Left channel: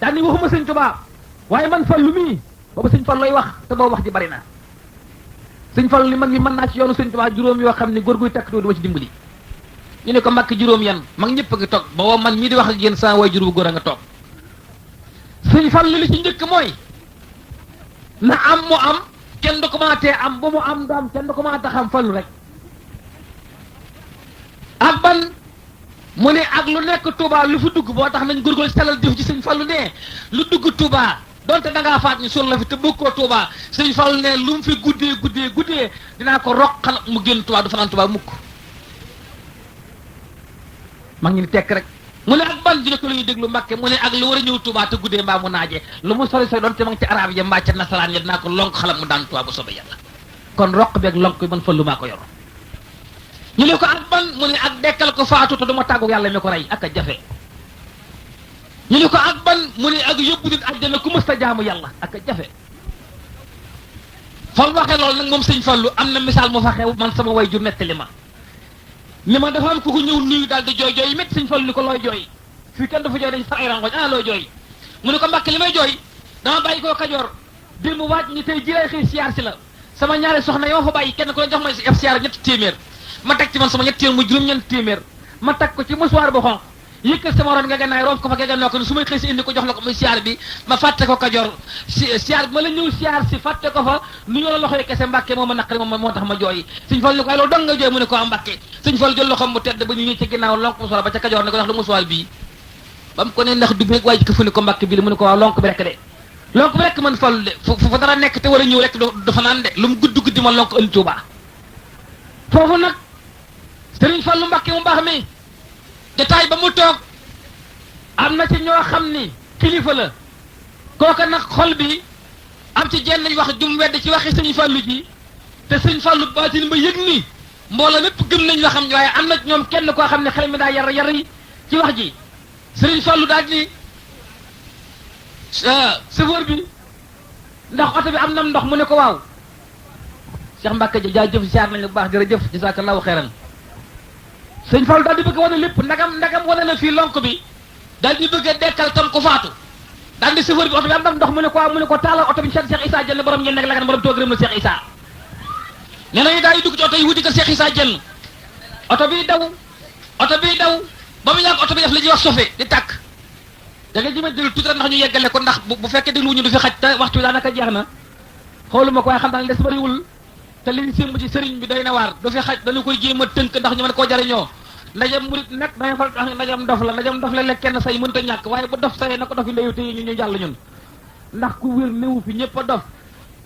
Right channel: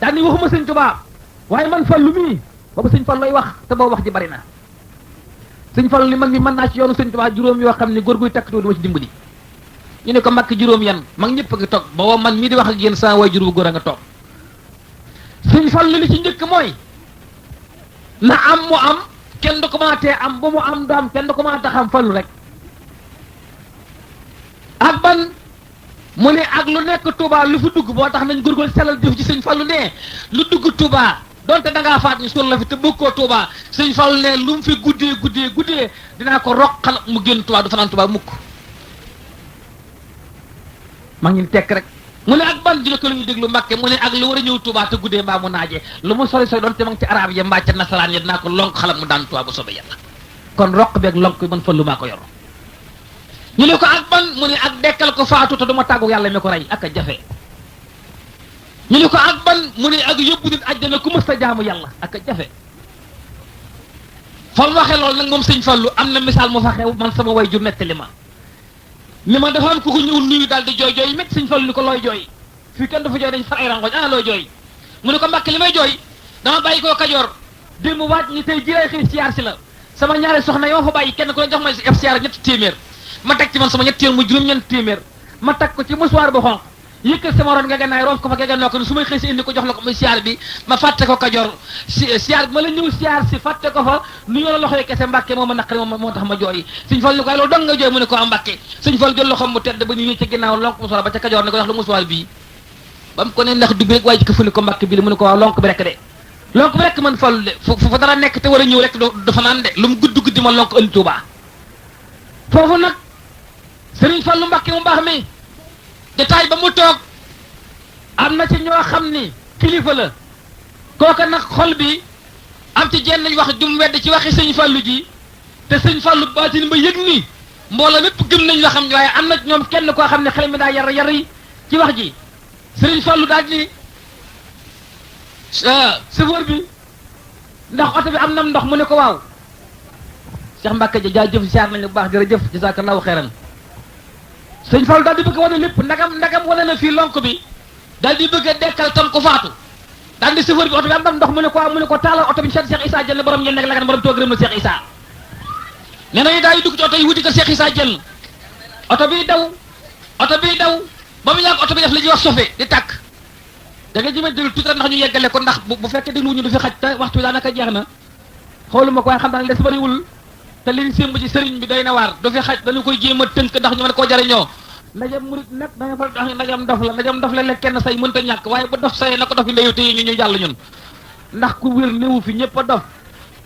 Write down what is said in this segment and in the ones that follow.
daal ni waxuma sëñ Tuubaa waaye man Fallu mii boobu sëñ Fallu lay wax te boobu wax ji bari na sëñ Fallu ni man mi mën naa ci yoonu sëñ Tuubaa juróom yoo xam ne góor guy takk doo duma ci dimbali ñu ne ko Mbàkke juróom yan mag ñëpp a ngi toog booba man mii di wax ak yéen saa waajur bu góor a nga toog sëñ Fallu li ci njëkk mooy na am mu am kenn du ko mën a tee am bu mu am du am kenn du ko mën a tax am Fallu rek ak ban mu ne ak lu nekk Touba lu fi dugg boo tax nañ góorgóorlu salal jëf ci sëñ Fallu ne lu dugg Touba donte da ngaa faat ñu suul la fi te bokkoo Touba sëñ Fallu ne lu mu fi guddee dinaa ko roqal mu génn Touba du fanaan Touba mukk maa ngi ni tekk rek mu ne ak ban dina ko la ñuy déglu Mbàkke mu ne ak lu war a ñëw Touba te guddee mbaa mu naaje lu mu sori sori donte ma ngi ci arab ya mbaa ca nasaraan ya dinaa ko lonk xalam mu daan Touba bu soobee yàlla kon roq beeg lonk bi man Fallu maa ko yor ñu ne ko ak ban mu ne ak dekkal ko faatu te duma tàggu yàlla mi ko rey ak a jafe ñu ne ko ak ban mu ne ak yóbbu nit àjjana ku mës ta jaamu yàlla ak a jafe fam waxe loolu nag moom sëñ Fallu am na misaal moo fa xew man sama way ju nettali ma li ma dafa am ku ko ñëw nuyu daal di jooy jooy métti sëñ Fallu ni ko looy jooy fii kenn dafa jooy dañ far ay rangoñ looy jooy mu ne ko Mbàkke li may jooy dama bàyyi koo Kajoor démb waaj ñi tey ji lay xëy siyaar si la sama ñaari soxna yoo fa bàyyi kenn ku ne jox may si ef siyaar ñetti téeméer ma teg ci man sama ñetti téeméer mu juróom-ñeent téeméer ma teg ko ci musuwaar bu xonq yëkkat sama ron nga gannaay roof ko fa nga noo ko su may xëy si indi ko jox la ko muy siyaar bi ma fàtte ko Kajoor siyaar bi ma la ñëw siyaar si fàtte ko fa nu la loxoy kese Mbàkke moo ma naqari moo tax ma jooy sëñ Fallu ko loolu dong nga jooy mu ne ko am Mbàkke sëñ Fallu jël loxoom mu tedd ba ñu ñëw ci ginnaaw lonk musuwaar ba ca Kajoor ne ko wax la musuwaar bii ba mu ko ne ndax dugg rek waaye ji ko fu ni ko Mbàkke bi la mu ne ko waaw lonk bi rek de lonk bi rek man Fallu de fu fa dara nekk te war a ñëw rek dafa naan de lu mu guddi ma lonk ënd Tuubaa foofu nag sëriñ Fallu Mbàkke mu baax mi jotaay ba mu toog am na ci ñoo xam ni kilifa la kooka nag xol bi am ci jenn wax jum wedd ci waxi sëñ Fallu ji te sëñ Fallu baatin ba yëg ni mbooloo mépp gëm nañ la xam ne waaye am na ñoom kenn koo xam ne xel mi daa yar yi ci wax ji sëriñ Fallu daal ni chauffeur bi ndax oto bi am na ndox mu ne ko waaw Cheikh Mbàkke ja jaajëf siyaar nañu bu baax jërëjëf jazakallahu xeyran sëñ Fallu daal di bëgg a wane lépp ndagam wane na fii lonk bi daal di bëgg a dekkal tam ko faatu daal di chauffeur bi oto bi am ndox mu ne ko waaw mu ne ko taalal oto bi Cheikh Issa Diène borom ngeen nekk la borom toog rëm na Cheikh Issa nee nañu daal di dugg ci oto yi wuti ko Cheikh Issa Diène oto bi daw ba mu yàgg oto bi def li ñuy wax sofe di tàkk da nga jëmee déglu tuuti rek ndax ñu yeggale ko ndax bu fekkee dégluwuñu du fi xaj te waxtu bi daanaka jeex na xooluma ko waaye xam naa ne des bariwul te liñ sémb ci sëriñ bi day na waar du fi xaj dañu koy jéem a tënk ndax ñu mën koo jariñoo ndajam murit nag danga fal tax ndajam dof la lekk kenn say mënta ñàkk waaye ba dof sayee na ko dof yi ndeyu téye ñu jàll ñun ndax ku wér néewu fi ñëpp a dof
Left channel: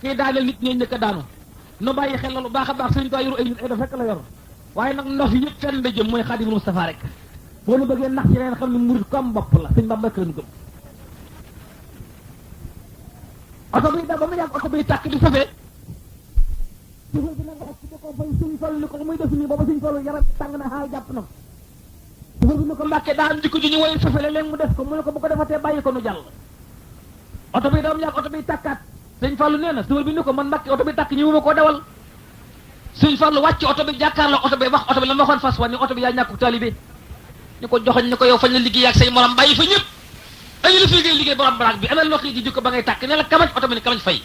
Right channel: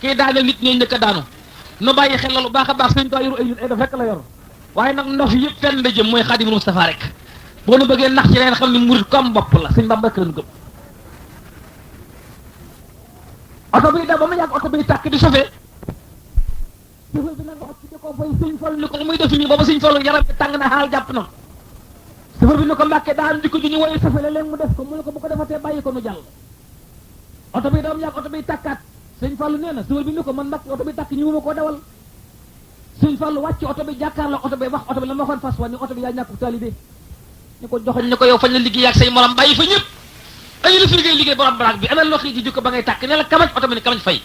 kii daaneel nit ñooy njëkk a daanu nu bàyyi xel loolu baax a baax sëñ ko yoru ay nit ay dof rek la yor waaye nag ndof yëpp fenn la jëm mooy Xaadimul Mustafaa rek boo nu bëggee nax ci leen xam ne murit ko am bopp la sëñ Bamba rek lañu gëm oto bi da ba ma yàgg oto bi tàkk di sofee sëñ Fallu ni ko muy def nii booba sëñ Fallu yaram bi tàng na xaal jàpp na safar bi ni ko Mbàkke daa am jikko ju ñu woye sofe la leen mu def ko mu ne ko bu ko defatee bàyyi ko nu jàll oto bi dama yàgg oto bi tàkkaat sëñ Fallu nee na safar bi ni ko man Mbàkke oto bi tàkk ñëwuma koo dawal sëñ Fallu wàcc oto bi jàkkaarloo oto bi wax oto bi la ma waxoon fas wa ni oto bi yaa ñàkku taalibe ñu ko joxoñ ni ko yow fañ la liggéey ak say morom bàyyi fa ñëpp añu la fi liggéey borom baraag bi amel loxo yi di jikko ba ngay tàkk ne la kamaj oto bi ni kamaj fay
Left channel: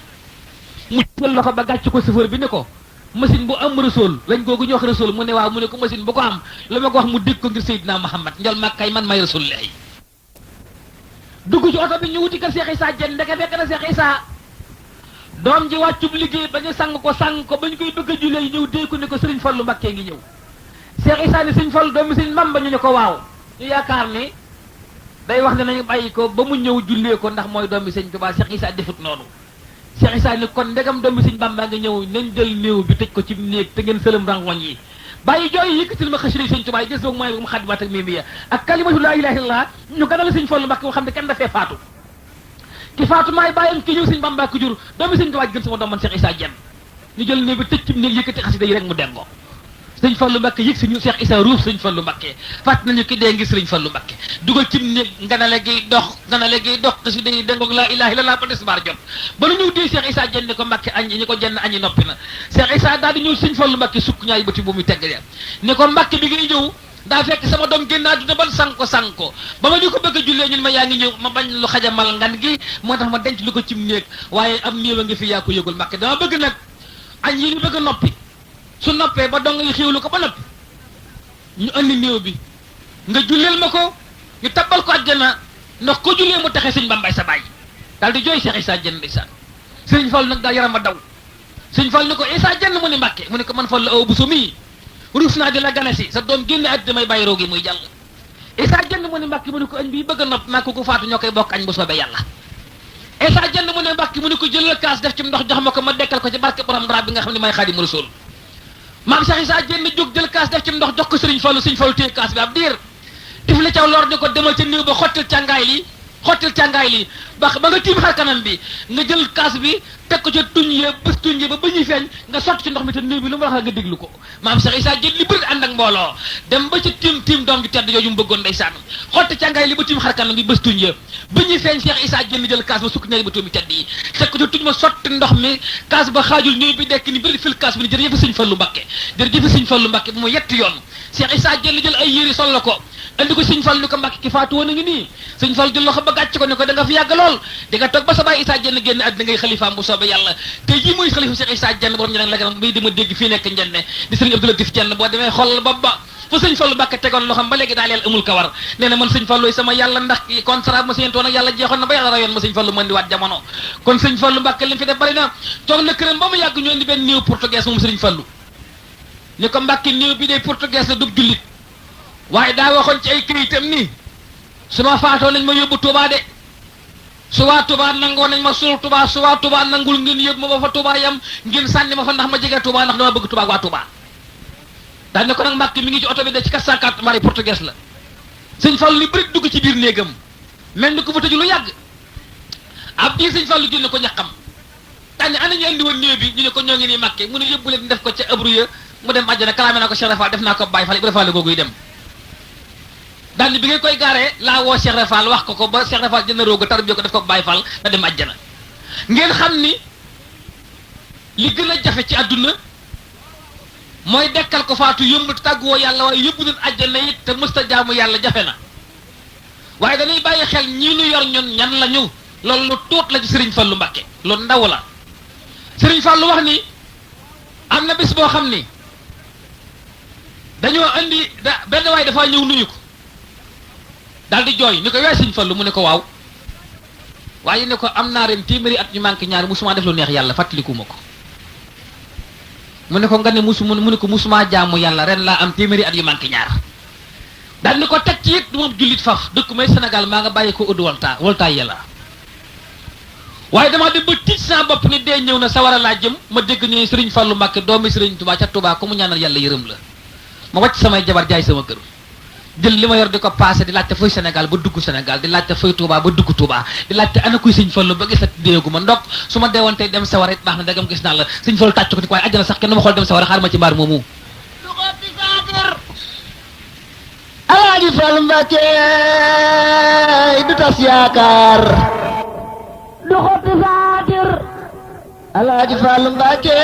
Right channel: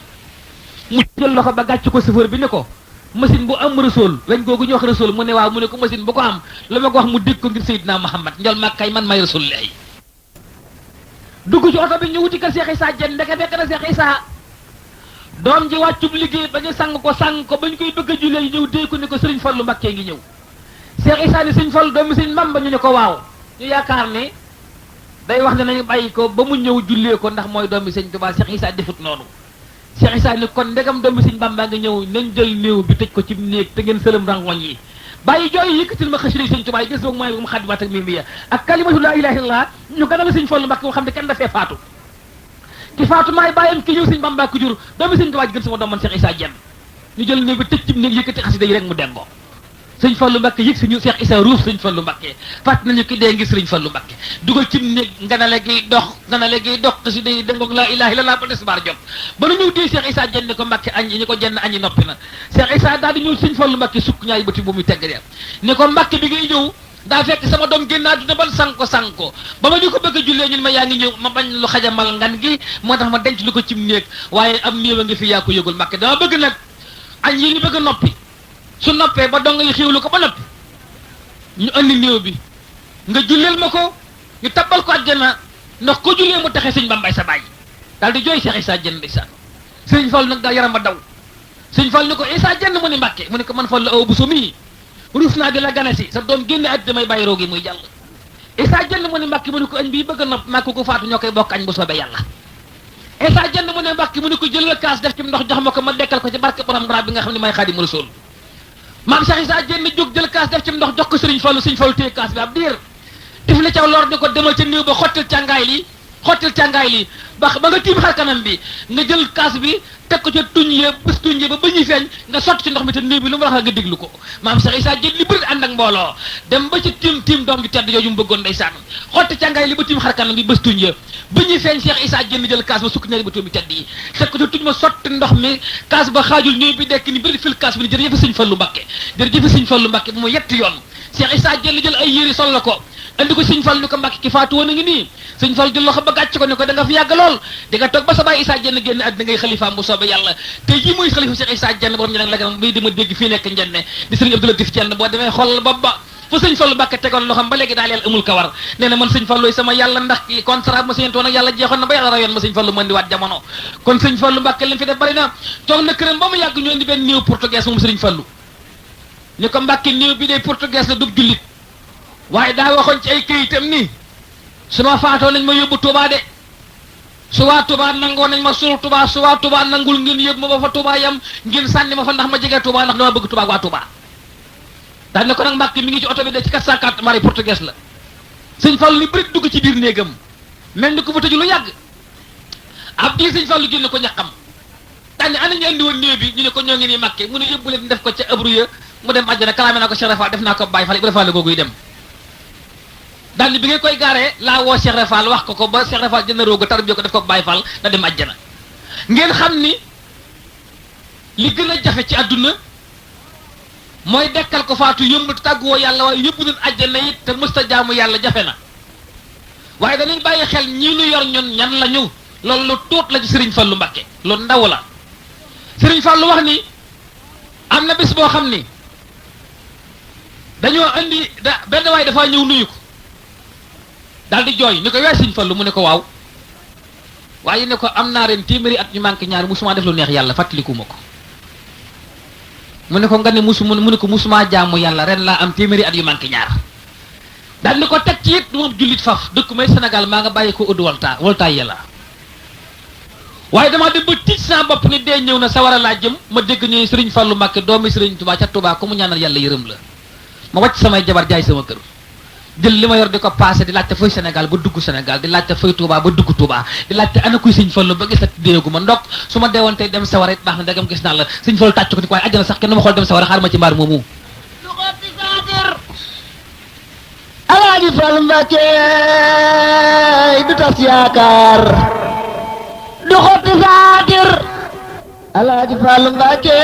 mu jël loxo ba gàcc ko safar bi ni ko machine bu am rasool lañ googu ñu wax rasool mu ne waaw mu ne ko machine bu ko am la ma ko wax mu dégg ko ngir Seydina Muhammad njol makkay man may rasool lay dugg ci oto bi ñu wuti ko Cheikh Issa Diène ndeke fekk na Cheikh Issa doom ji wàccub liggéey ba ñu sang ko ba ñu koy bëgg a jullee ñëw dee ko ni ko Sëriñ Fallu Mbàkke ngi ñëw Cheikh Issa ni Sëriñ Fallu doomu Sëriñ Bamba ñu ne ko waaw ñu yaakaar ne day wax ne nañu bàyyi ko ba mu ñëw jullee ko ndax mooy doomu Sëriñ Tuubaa Cheikh Issa defut noonu Cheikh Issa ni kon ndegam doomu Sëriñ Bamba nga ñëw nañ jël néew bi tëj ko ci néeg te ngeen sëlëm rangoñ yi bàyyi jooy yëkkatil ma xasida Sëriñ Tuubaa gis boog mooy mu xadimaat ak mimiya ak kalimatu laa ilaaha illallaah ñu ganal Sëriñ Fallu Mbàkke moo xam ne kenn dafee faatu ki faatu maay bàyyam ki ñëw Sëriñ Bamba ku jur doomu Sëriñ Tuubaa ji gën sama doom man Cheikh Issa Diène ñu jël néeg bi tëj ci néeg yëkkati xasida yi rek mu dengoo Sëriñ Fallu Mbàkke yëg si ñu Cheikh Issa ruuf Sëriñ Fallu Mbàkke fàtt nañu ki dee ngi Sëriñ Fallu Mbàkke dugal ci néeg nganale gi dox xasida yi dengoog laa ilaaha illallaah ba tisbaar jot ba nu ñëw dee Cheikh Issa Diène ni ko Mbàkke añ ñi ko jenn añi noppi na Cheikh Issa daal di ñëw Sëriñ Fallu Mbàkke sukk ñaay bëti bu muy tegg ni ko Mbàkke bi ngay ñëw daa fekk sama doom génn àdduna ban sanko ba ma ñu ko bëgg a jullee ñun ma yaa ngi ñëw ma bañ lu xajamal ngan gi moo tax ma denc lu ko cim néeg waaye am néew a ngi fi yaa ko yëgul Mbàkke dama bëgg nag añ yi ñu bëgg a noppi su noppee ba dong yi xiwlu ko ba noppi ñu andi néew bi nga julleel ma ko ñu tabbal ko àjjana ndax ko jullee mu taxe sëñ Bambay sa baay daal di jooy Cheikh Issa Diène ndeysaan sëñ Fall nag daa yaram a daw sëñ Fall ni ko Issa Diène mu ni Mbàkke mu ni ko man Fall la aw bu so mii ruus naa di la ganasi sa doom génne at damay bàyyi roogi muy jàll Issa Diène mu ne Mbàkke mu ne ko añ bii bëgg a nopp maa ko faatu ñoo koy bokk añ bu soobee yàlla Issa Diène mu ne Mbàkke mu ne ko jëlal kaas def ci ndox jox ma ko ma dekkal ko ci barke borom drap bi nga xam ne may Xaadimu Rasuul maam Cheikh Issa Diène jóg jël kaas def ci ndox jox ko Sëriñ Fallu Sëriñ Fallu téye kaas bi ab diir tif la caw lor ni ko demal ca néew ba xottal càngaay li ba nga tiim xar kanam bi nga jël kaas bi teg ko ca tuñ ya bés tuñ ya ba ñuy feeñ nga sotti ci ndox mi te néew bi lu mu wax nga déglu ko maam Cheikh Issa Diène li bëri ànd ak mbooloo dem ba ci tiim doom ji tedd yooyu mu bëggoon ndeysaan xotti càngaay li ba tiim xar kanam bi bés tuñ ya ba ñuy feeñ Cheikh Issa Diène jël kaas ba sukk ñaari ba tuum bi tedd yi teg ko ca tuñ ma sotti ndox mi kaas ba xaajul néew bi dekk ni bëri fil kaas bi ni jërëjëf Sëñ Fallu Mbàkke jërëjëf Sëñ Fallu Mbàkke bu mu yett yoon Cheikh Issa Diène jël ay yére sol la ko andi ko Sëñ Fallu ni ko Mbàkke ki faatu woon a ngi nii Sëñ Fallu jël loxo ba gàcc ko ne ko da nga fi yàgg lool di nga toog ba sa baay Issa Diène génn àddina ngay xalifaam bu soobee yàlla te ji muy xalifa Cheikh Issa Diène borom ñeneen la gën muy di ma dégg fii nekk njenne di Sëriñ Abdou Latif Diène boo demee xool ba fa Sëñ Fallu Mbàkke tegoon loxam ba léegi daal yàlla amul kawar nee na man Sëñ Fallu sama yàlla ndax contrat ma séentoon ak yàlla jeexoon na ba yàlla rayoon ma Sëñ Fallu mën di waat jamono kon Sëñ Fallu Mbàkke leen fi def bari na toog na këram ba mu yàgg ñu indi benn néew portugais moom Sëriñ Fallu ñu ko Mbàkke néew bi day portugais la dub jullit waaye daa waxoon ci ay këyitam ni su ma faatoo nañ ma yóbbu Touba de su waa Touba nangoo nañ ma suul Touba su waa Touba nangul ngeen yóbbu ma ba fa Touba yam ngeen sànni ma fa ndax ma jege Touba ndax dama bëgg Touba ak waa Touba daal ne ko nag Mbàkke mi ngi ci oto bi de ci 404 mari portugais la Sëñ Fallu li bëri dugg ci biir néegam mel ni ko fa tëju lu yàgg ab di Sëñ Fallu génn ko ñaqam daal ne ana ñu andi woon néew bi ñu ne ko ñoo ngi nii Mbàkke mu ne yóbbu leen def ko ca abru ya mu dem àjjana kalaame naa ko Cheikh Rafal def naa ko Baye Fall Ibra Fall googu yi dem daal ni bi ngay koy gaaree laa woo Cheikh Rafal wax ko ba Cheikh Rafal jënd rooga tarbiya ko def ko Baye Fall da dem àjjana ngeen xam ni li gën a jafe ci àdduna mooy dekkal ko faatu yëmb tàgguwoo yàlla waaye yóbbu leen àjjana it te mësta jaamu yàlla jafe na waaye dañuy bàyyi xel ñii nu yor ñun ñan la ñu loolu lu tuut la ci Sëriñ Fallu Mbàkke lu ndaw la Sëriñ Fallu wax ni am na bés boo xam ni dañoo andi benn waay dafaa ñëw nuyu ko daal di jooy ni ko yaa Sëñ Fallu mu ne ko waaw waaye ne ko am naa ren téeméeri at ñu manqué ñaar musuma def lu neex yàlla fàttaliku ma ko mu ne ko nga ne mu ne ko musuma jaamu yàlla ren laa am téeméeri at yu manqué ñaar daal ni ko teg ci it du moom jullit faf dëkk may Sénégal maa nga bàyyi ko ëdd waltaay yàlla waaye damaa dem ba tiit sama bopp ni dee ñëw na sawara laa jëm ma dégg ñu Sëriñ Fallu Mbàkke doomi Sëriñ Tuubaa ca Tuubaa ko mu ñaanal yàlla yërëm la ma wàcc samay jabar jaay sama kër jël li ma yor di ko passé di laajte fooy Sénégal ba dugg Sénégal di laajte fooy Touba ba dugg Touba di laajte ana kuy Sëñ Fallu ba gisat déegu ma ndokk su ma deewoon tey dem sawara it baax na dagam gis naa la Sëñ Fallu tàcc ko ni ko waaye àjjana sax kenn ma xool dem sawara xaar ma ci mbaar moomu Alaaji Fallu Mbàkke du tas yaakaar du xotti saatir Alaaji Fallu Mbàkke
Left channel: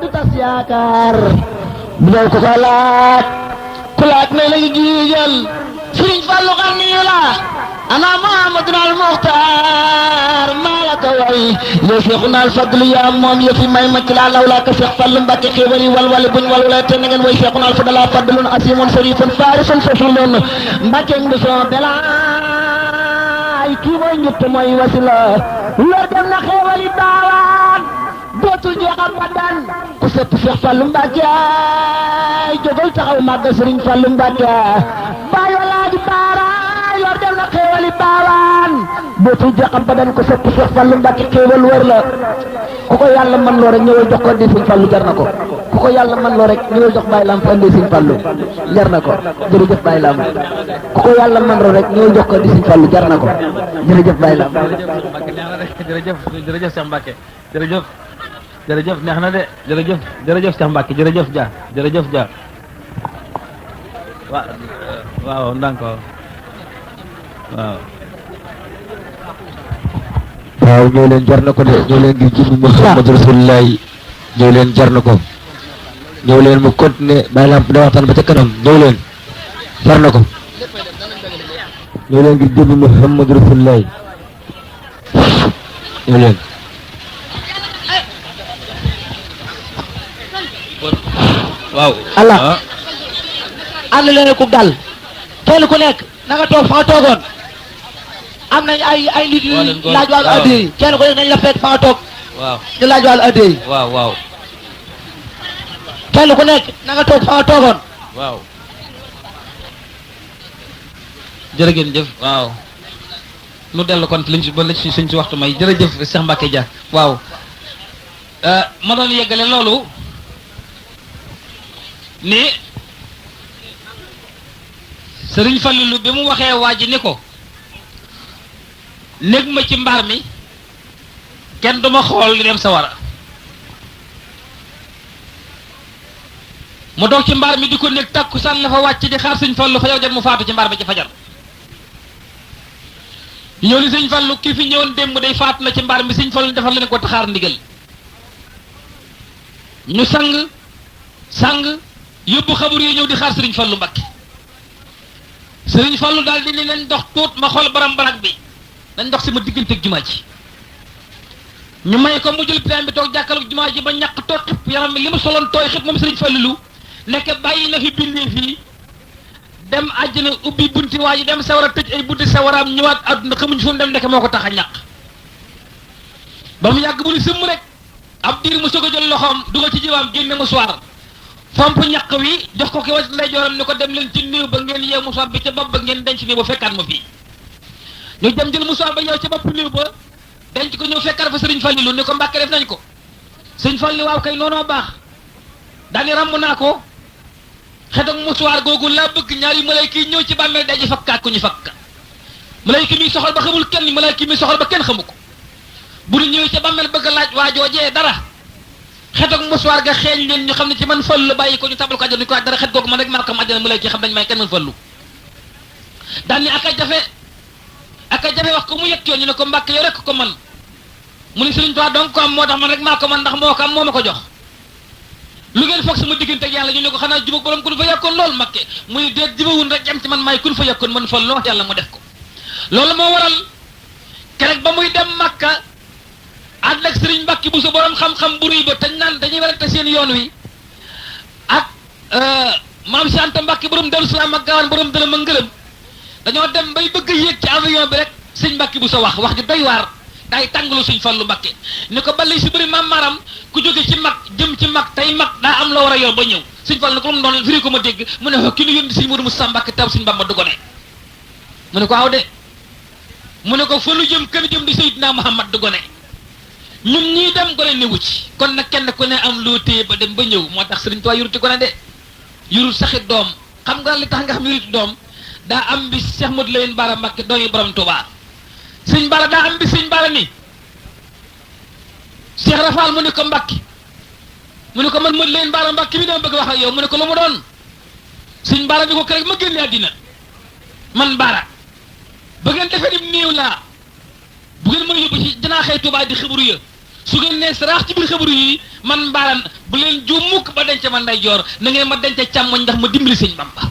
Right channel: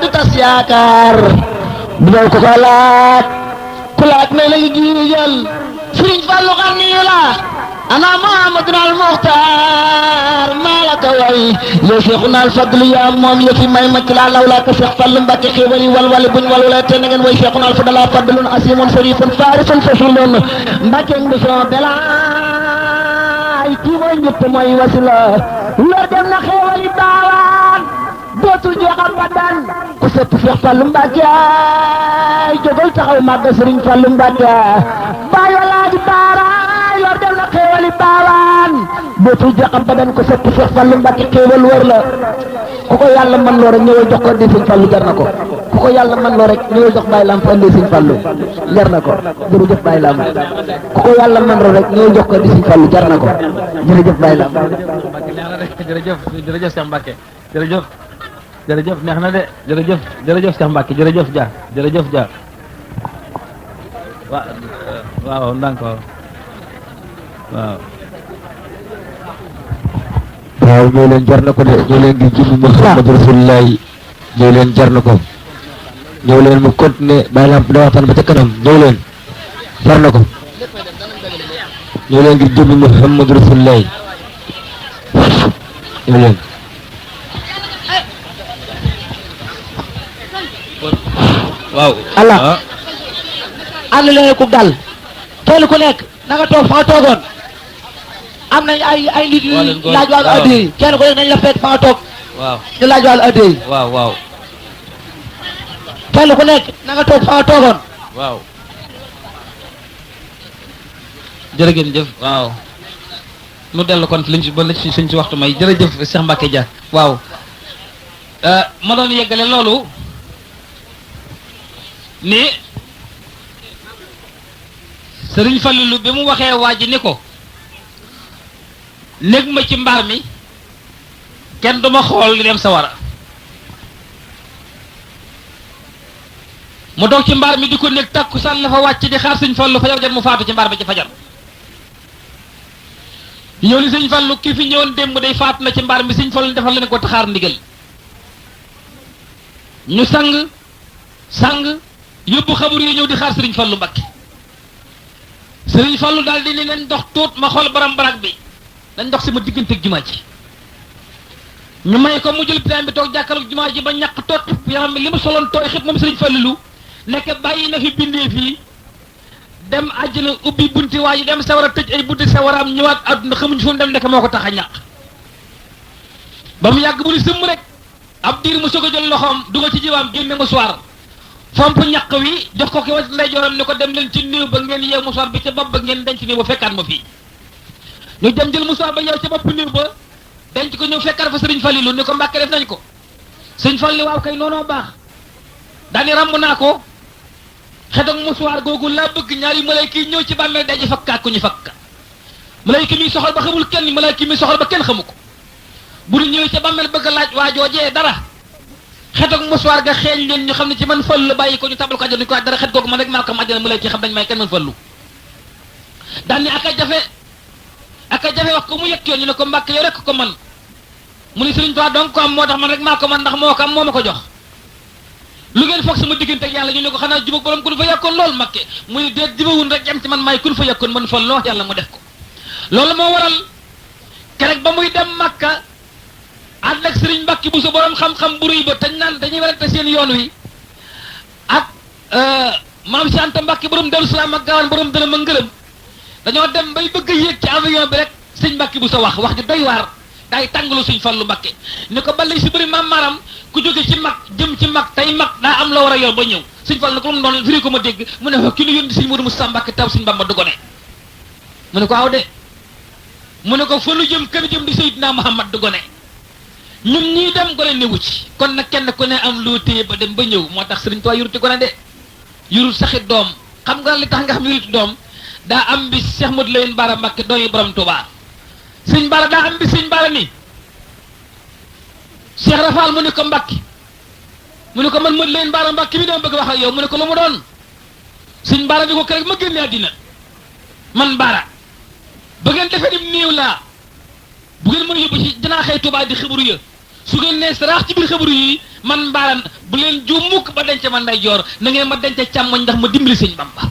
du tas yaakaar bu ñëw ko laaj ku laaj ne la giijal Sëriñ Fallu xam ni la ana Muhammadun al Muxtaar maa la ko way yow Seexuna al Fadlu yaa moom yëfi may ma ci laa law laa ko Seex Fallu Mbàkke xéewal yi walwale buñ walwale te na ngeen way Seexuna al Fadlu fadlun asimun sarifun faarisun fasilun Mbàkke ngi soo delaay kii mooy ñett mooy wasila lor dem na xéewal yi baawaan dootul jeexal ba dan ku sëpp Seex Fallu Mbàkke ay jógal taxaw màgg Sëriñ Fallu Mbàkke baay walaaji baara yor dem na xéewali baawaan dootul jeexal ba dan ku sëpp Seex Fallu Mbàkke xéewal wër la ku ko yàlla man loo rek ñëwal jox ko andi Sëriñ Fallu jar na ko ku ko yàlla man loo rek ñëwal jox Baay Lamp andi Sëriñ Fallu jar na ko jërëjëf Baay Lamp ku ko yàlla man loo rek ñëwal jox ko andi Sëriñ Fallu jar na ko jërëjëf Baay Lamp jërëjëf Cheikh Mbacke jërëjëf jërëjëf neex na de jërëjëf Cheikh Mbacke jërëjëf Dia waaw ndànk waaw ñoo leen jar na ko de ñoo leen di julli Muhammadu Rasulullah ñoo leen jar na ko ñëw leen mu continuer bàyyi lamp da waxtaan ba ca kanam ñëw leen far na ko ñëw leen ngir jëmmi Muhammad Rasulullah ñëw leen waaw Allah ànd leen ku dal kenn ku nekk na nga toog fa nga toogoon am nañ ay nit yu laaj wàllu addiya yi kenn ku nekk nañ la fekk fa nga toog waaw ñu laaj wàllu addiya yi waaw waaw kenn ku nekk na nga toog fa nga toogoon waaw jërëgeen jëf waaw nu dellu kon liñ ci ba li suñ ci waxtu may jërëjëf Cheikh Mbacke Dia waaw ma doon yeggale loolu ni Sëriñ Fallilu bi mu waxee waa ji ni ko nekk ma ci mbaar mi kenn duma xool li dem sawara mu doog ci mbaar mi di ko nekk takkusaan la fa wàcc di xaar Sëriñ Fallu fa yow jot mu faatu ci mbaar mi ci fajar ñëw ni Sëriñ Fallu ki fi ñëwoon démb day faatu na ci mbaar mi Sëriñ Fallu defal leen ko taxaar ndigal ñu sang yóbbu xabur yi ñëw di xaar Sëriñ Fallu Mbakke Sëriñ Fallu daal di ne leen dox tuut ma xool baram barak bi dañ dox sama diggante ak jumaa ji ñu may ko mu jël plan bi toog jàkkaarloog jumaa ji ba ñàkk toog xib yaram mi li mu soloon tooy xib moom Sëriñ Fallilu nekk bàyyi na fi bindee fii dem àjjana ubbi bunti waa ji dem sawara tëj ay bunti sawaraam ñëwaat àdduna xamuñ fu mu dem nekk moo ko tax a ñàkk ba mu yàgg bu ni sëmm rek ab diir mu soog a jël loxoom dugal ci jiwaam génne musuwaar fomp ñàkk wi jox ko ki wa ndeyjooram ni ko dem leen ci néew ba ngeen yeew musuwaar bi ca bopp ba ngeen denc néew ba fekkaat ma fii ñu dem jël musuwaar ba yeew ca bopp néew ba denc ko ñëw fekkaat fa Sëriñ Fallilu ni ko Mbàkke def nañ ko Sëriñ Fallu waaw kay noonoo baax daani ràmm naa ko xetok musuwaar googu laa bëgg ñaari malayka yi ñëw ci bàmmeel daji fakkaat ko ñu fakka malayka mi soxal ba xamul kenn malayka mi soxal ba kenn xamu ko bu ñu ñëwee ca bàmmeel bëgg a laaj waa joojee dara xetok musuwaar ga xeeñ leen ñu xam ne ci man Fallu la bàyyi ko ñu tabal ko àjjana ñu ko dara xet googu man rek maa ko am àjjana malayka yi xam nañ may kenn man Fallu daani aka jafe wax ko mu yëg yoon ñu ne ko Mbàkke yow rek ko man mu ne Sëriñ Tuubaa donc ko am moo tax man rek maa ko man ndax moo ko am moo ma ko jox lu ngeen foog sama diggante ak yàlla ñu ne ko xanaa jubag borom kun fa yàkkoon loolu Mbàkke muy déet jubawun rek jam ci man maay kun fa yàkkoon man fa loo yàlla mu def ko loolu moo waral keroog ba muy dem Makka ànd ak Sëriñ Mbàkke bu sa borom xam-xam bu rëy ba te naan dañuy werante seen yoon wi ak maam si Anta Mbàkke borom Daaru Salaam ak Gaawaan borom dërëm ak ngërëm dañoo dem bay bëgg a yéeg ci avion bi rek Sëriñ Mbàkke bu sa wax ju doy waar daay tàngalu Sëriñ Fallu Mbàkke ni ko balay si bëri maam maram ku jóge ci mag jëm ci mag tey mag daa am loo war a yor ba ñëw Sëriñ Fallu ne ko mu doon firi ko ma dégg mu ne ki nu yónni Sëriñ Moodu Musaa Mbàkke taw Sëriñ Bamba du gone mu ne ko aw de mu ne ko fa nu jëm kër jëm di Seydina Muhammad du gone ñun ñii dem gone newu ci kon nag kenn ku ne am loo téye ba dem ba ñëw moo tax Sëriñ Tuubaa yuruti gone de yurut saxit doom xam nga li tax nga xam yuruti doom daa am bi Cheikh Modou Lamine Bara Mbàkke doomi borom Tuubaa Sëriñ Bara daa am bi Sëriñ Bara ni Cheikh Rafal mu ne ko Mbàkke mu ne ko man Modou Lamine Bara Mbàkke mi doon bëgg wax ak yow mu ne ko lu mu doon Sëriñ Bara ni ko keroog ma génne àddina man Bara ba ngeen defee ni néew laa bu ngeen mën a yóbbu ci janaa xëy Tuubaa di xabaru ya su ngeen nee saraax ci biir xabaru yi man Bara bu leen juum mukk ba denc ma ndeyjoor na ngeen ma denc càmmoñ ndax ma dimbali Sëriñ Bamba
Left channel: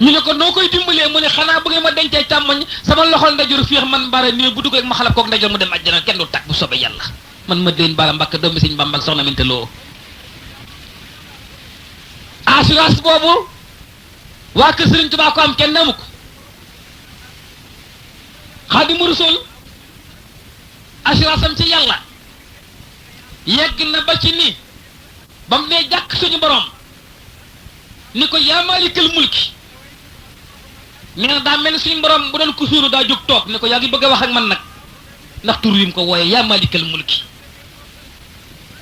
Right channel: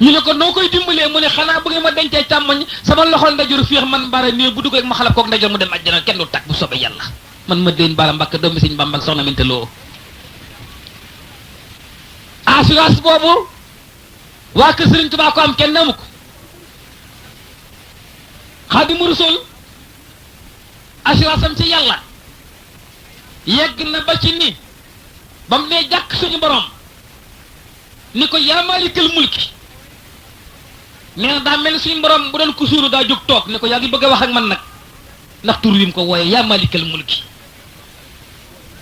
ñu ne ko noo koy dimbalee mu ne xanaa bu ngeen ma dencee càmmoñ sama loxol ndeyjoor féex man Bara néew bu dugg rek ma xalab kook ndeyjoor mu dem àjjana kenn du tàkk bu soobee yàlla man ma déen Bara Mbàkke doomi Sëriñ Bamba ak soxna Minta Lo assurance boobu waa kër Sëriñ Tuubaa ko am kenn amu ko Xaadimu Rasuul assurance am ci yàlla yegg na ba ci ni ba mu nee jàkk suñu borom ni ko yaa maalikal mulki nee na daa mel ni suñu borom bu doon ku suuru daa jóg toog ni ko yaa ngi bëgg a wax ak man nag ndax tur wi mu ko wooyee yaa maalikal mulki